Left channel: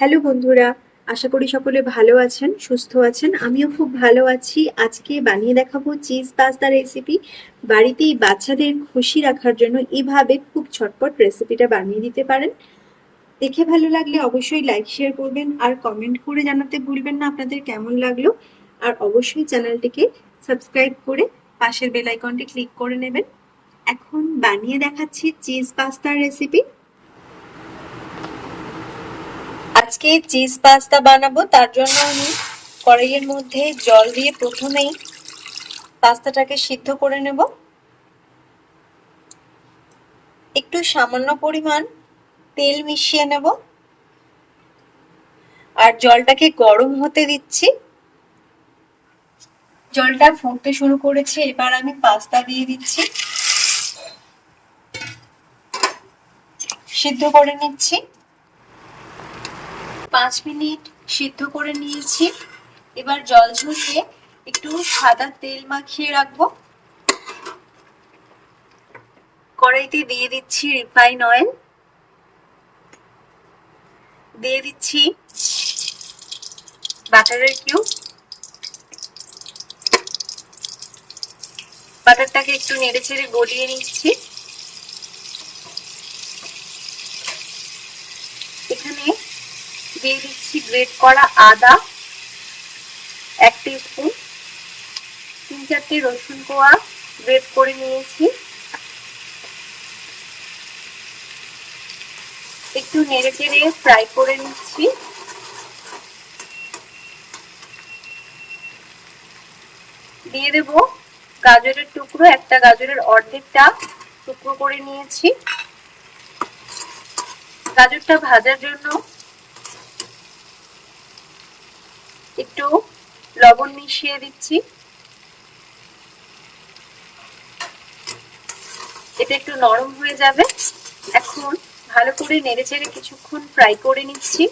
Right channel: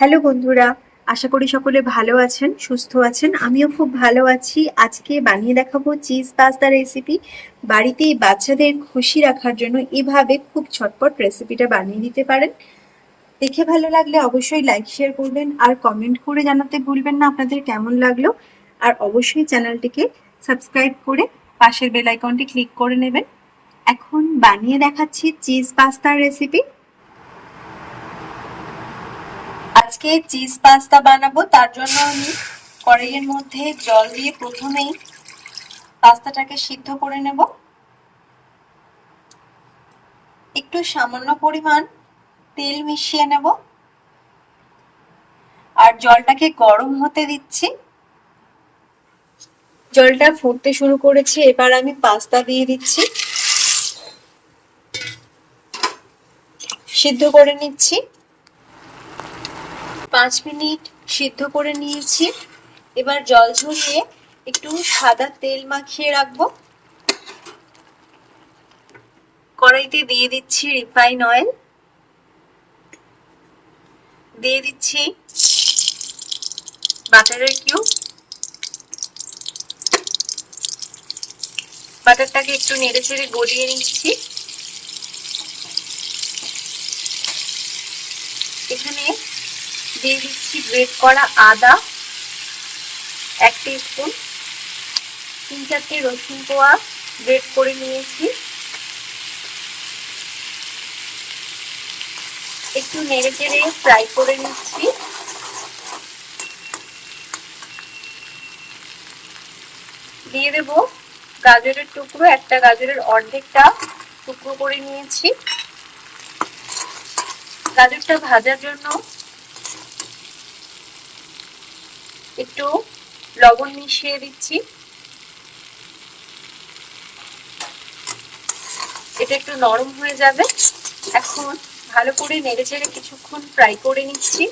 Hello বন্ধুরা, আশা করি সকলে ভালো আছেন, সুস্থ আছেন। আমিও খুব ভালো আছি। আজকে বানিয়ে দেখাবো চিজ পাস্তা রেসিপি বাড়িতেই বাচ্চাদের খুশি রাখার জন্য এভাবে খুব ছটপট রেসিপিটা বানিয়ে দিতে পারেন। দেখে ভালো লাগলে অবশ্যই লাইক শেয়ার করবেন আর কমেন্ট করে জানাতে ভুলবেন না আপনাদের কেমন লাগল। আর অবশ্যই চ্যানেলটিকে সাবস্ক্রাইব করে পাশের বেল আইকনটি ক্লিক করে নেবেন। এখন বানিয়ে দেখাচ্ছি চিজ পাস্তার রেসিপি আজকে চিজ পাস্তা বানাবো, তার জন্য আমি কড়াইয়ের মধ্যে জল দিয়ে প্রথমেই পাস্তাটাকে সিদ্ধ করে নেব। একটু সামান্য পরিমাণ তেল মিশিয়ে নেব। আর জলটাকে গরম হতে দিচ্ছি। জলটা ফুটতে শুরু করেছে, এবার আমি পাস্তা দিয়ে দিচ্ছি। সিদ্ধ করে নিচ্ছি। পাঁচ মিনিট সিদ্ধ করে নিয়েছি। এবার জল ঝরিয়ে একটু সাদা তেল মাখিয়ে রাখব। কড়াইতে দিয়ে দিচ্ছি রিফাইন অয়েল। দিয়ে দিচ্ছি বাটারের কিউব। বাটারটাকে একটু নেড়ে চেড়ে গলিয়ে নিচ্ছি এখানে দিয়ে দিচ্ছি গ্রেট করা আদা, এক স্পুন তিন চারটে রসুন কোয়া গ্রেট করে নিয়েছি। একটু নেড়ে চেড়ে ফ্রাই করে নিচ্ছি। দিয়ে দেব গাজরের টুকরো, একটা গাজরের অর্ধেকটা টুকরো করে নিয়েছি। গাজরটা ভাজার জন্য একটু লবণ মিশিয়ে দিচ্ছি। এটা একটু নরম হয়ে যাবে। এখন ভালো করে নেড়ে চেড়ে কিছুক্ষণ ফ্রাই করে নিচ্ছি।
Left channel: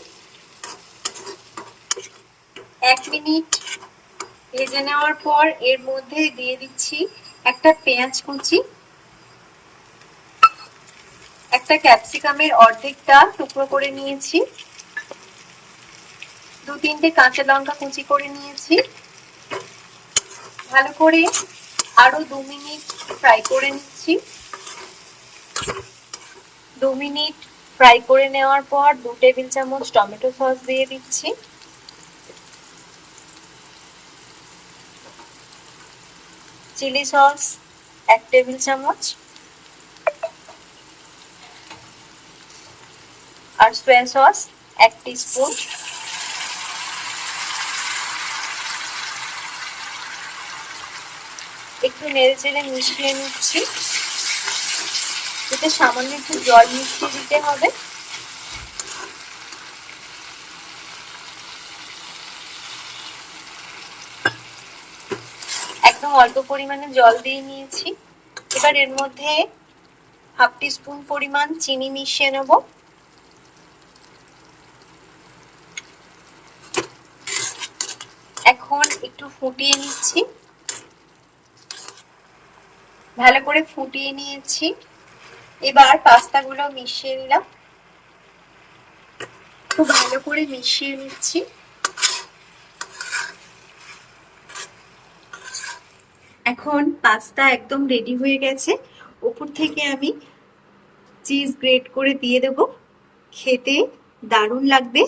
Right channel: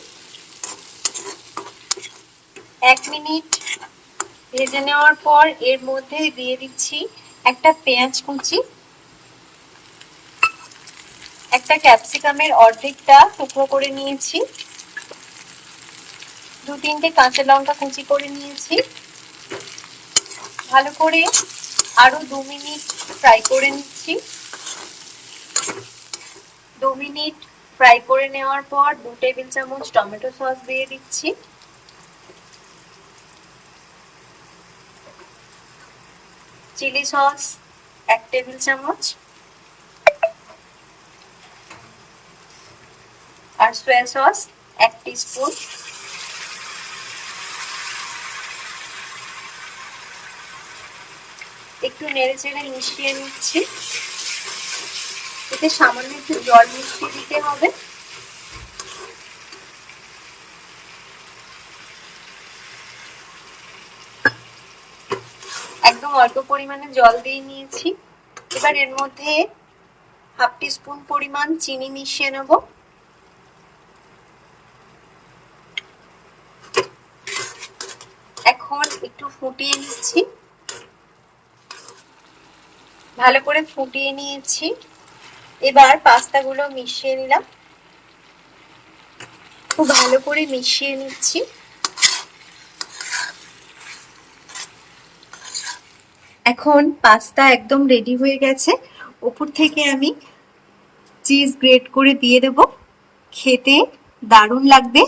এক মিনিট ভেজে নেওয়ার পর এর মধ্যে দিয়ে দিচ্ছি একটা পেঁয়াজ কুচি। একটা ক্যাপসিকামের অর্ধেকটা টুকরো করে নিয়েছি। দু তিনটে কাঁচা লঙ্কা কুচি করে নিয়েছি। ভালো করে আরও দু মিনিট ফ্রাই করে নিচ্ছি। দু মিনিট ফ্রাই করে নেওয়ার পর দু টেবিল চামচ টমেটো সস দিয়ে দিচ্ছি। চিলি সস এক টেবিল চামচ। আর সোয়া সস এক স্পুন একটু নেড়ে চেড়ে মিশিয়ে নিচ্ছি। এতে সামান্য একটু জল মিশিয়ে দিতে হবে। একদম অল্প পরিমাণে জল দিয়ে নিয়েছি। এবার এর মধ্যে হাফ টি স্পুন পরিমাণ চিনি মিশিয়ে নেব। এখন একটু ফুটিয়ে নিচ্ছি। ভালো করে ফুটিয়ে নিয়েছি। এবার পাস্তাগুলো মিশিয়ে নিলাম। খুব ভালো করে মিশিয়ে নিচ্ছি। এখন পাস্তা একদম রেডি হয়ে গেছে। উপর থেকে আমি চিজ গ্রেট করে দিয়ে দেব। খেতে দারুণ লাগবে।